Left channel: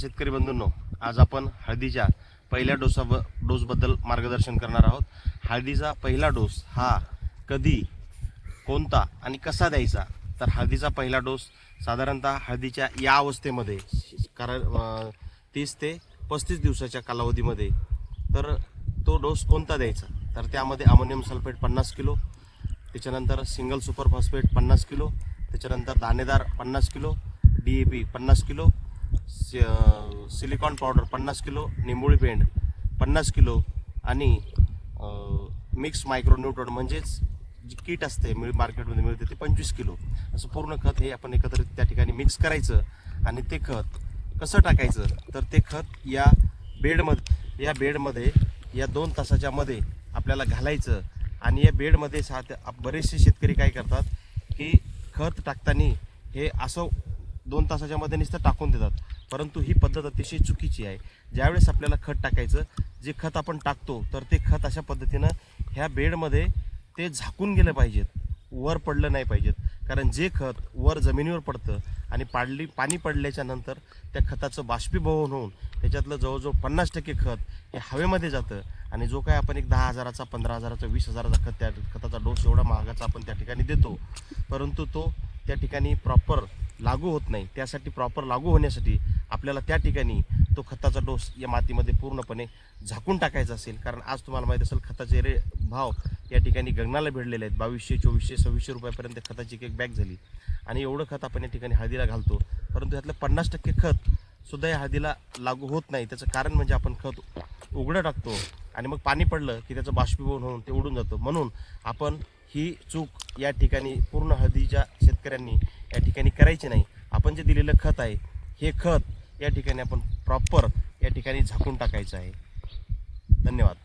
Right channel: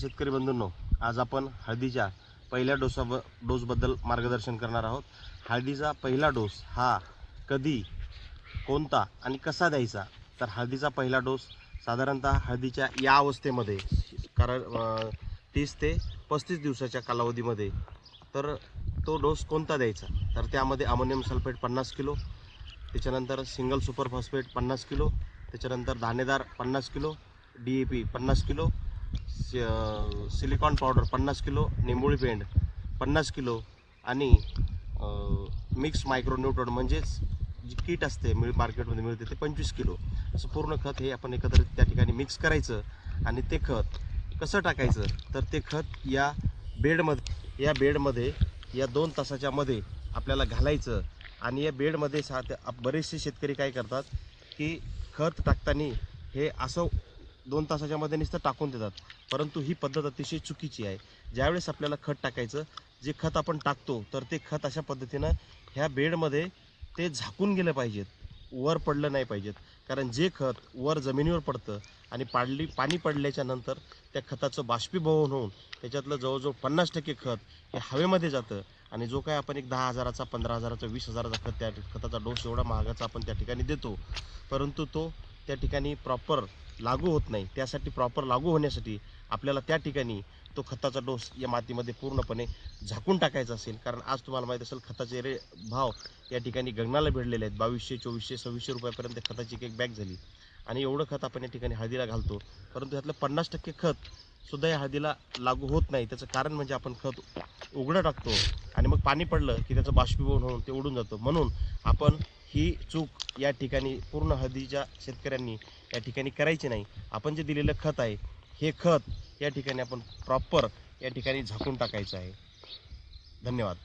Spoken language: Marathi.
शेतकरी बंधूंनो, आज आपण हळदीच्या पहिल्या डोसबद्दल मार्गदर्शन करणार आहोत। हळदीचा पहिला डोस हा कधी, कोणता आणि कसा द्यायचा? तर हळदीचा पहिला डोस साधारणतः हळदीच्या या अवस्थेमध्ये कारण 30 ते 35 दिवसाच्या कालावधीमध्ये तर तो डोस कोणता द्यायचा? तर त्यामध्ये अमोनियम सल्फेट 50 किलो, त्याच्यानंतर सिंगल सुपर फॉस्फेट 50 किलो, त्याच्यानंतर दाणेदार 50 kilo, DAP 50 kilo, silicon powder 50 kilo, निंबोळी पेंड 50 किलो आणि मिक्स मायक्रोन्यूट्रॉन म्हणजेच जी किट असते मार्केटमध्ये मिळते ते 25 किलो असं पूर्ण खत हे आपण एकत्रित त्या ठिकाणी मिक्स करायचं। आणि ते खत कसं टाकायचं? तर ते खत या बेडमध्ये या 2 तासाच्या मध्ये आपल्याला घालायचं। आणि या बेडमध्ये बरेचसे शेतकरी काय करतात की खत टाकताना हे असं 2 तासाच्या मध्ये नुसतं टाकून देतात, परंतु ही पद्धत अतिशय चुकीची आहे। ज्यावेळेस आपल्याला खत टाकायचं, जे खत आपण टाकतो तर ते खत अशा पद्धतीनं ह्या बेडमध्ये ते झाकून गेलं पाहिजेत, वर पडलं नाही पाहिजेत। कारण जे खत वर जमिनीवर पडतं आणि पाणी पडल्याच्या नंतर त्या खताचं बाष्पीभवन होऊन त्याच्यातलं जवळजवळ 50% खत हे हवेमध्ये जातं। आणि जो काय आपण एक 10,000चा, 15,000चा, 20,000चा खत त्या खताचा डोस एवढा महागाचा आपण त्या ठिकाणी देतो, परंतु तो त्या ठिकाणी प्रॉपर लागू होत नाही। त्यासाठी प्रॉपर लागू होण्यासाठी आपल्याला त्या ठिकाणी तो खताचा डोस या मातीमध्ये पूर्णपणे झाकून टाकायचा असेल। कारण आज तुम्हाला माहीत असेल खताचे भाव या ठिकाणी गगनाला भिडलेले आहेत। 2200, 2400, 2600 रुपयापर्यंत खताची एक बॅग झाली। आणि एवढं खत आपण या ठिकाणी हळदीला घालतो, परंतु यातलं 50% खत सुद्धा या हळदीला लागू होत नाही। त्याचं कारण म्हणजे आपण खत उघडं टाकतो आणि मग पाणी पडलं की त्याचं बाष्पीभवन होऊन ते उडून जातं। म्हणून आपण ही चूक या ठिकाणी पूर्ण हळदीच्या शेतकऱ्यांनी या ठिकाणी करायची नाही। आपण जे दिलेलं खत आहे हे खत या ठिकाणी आपण प्रॉपर या ठिकाणी झाकून टाकायचं आहे। धन्यवाद।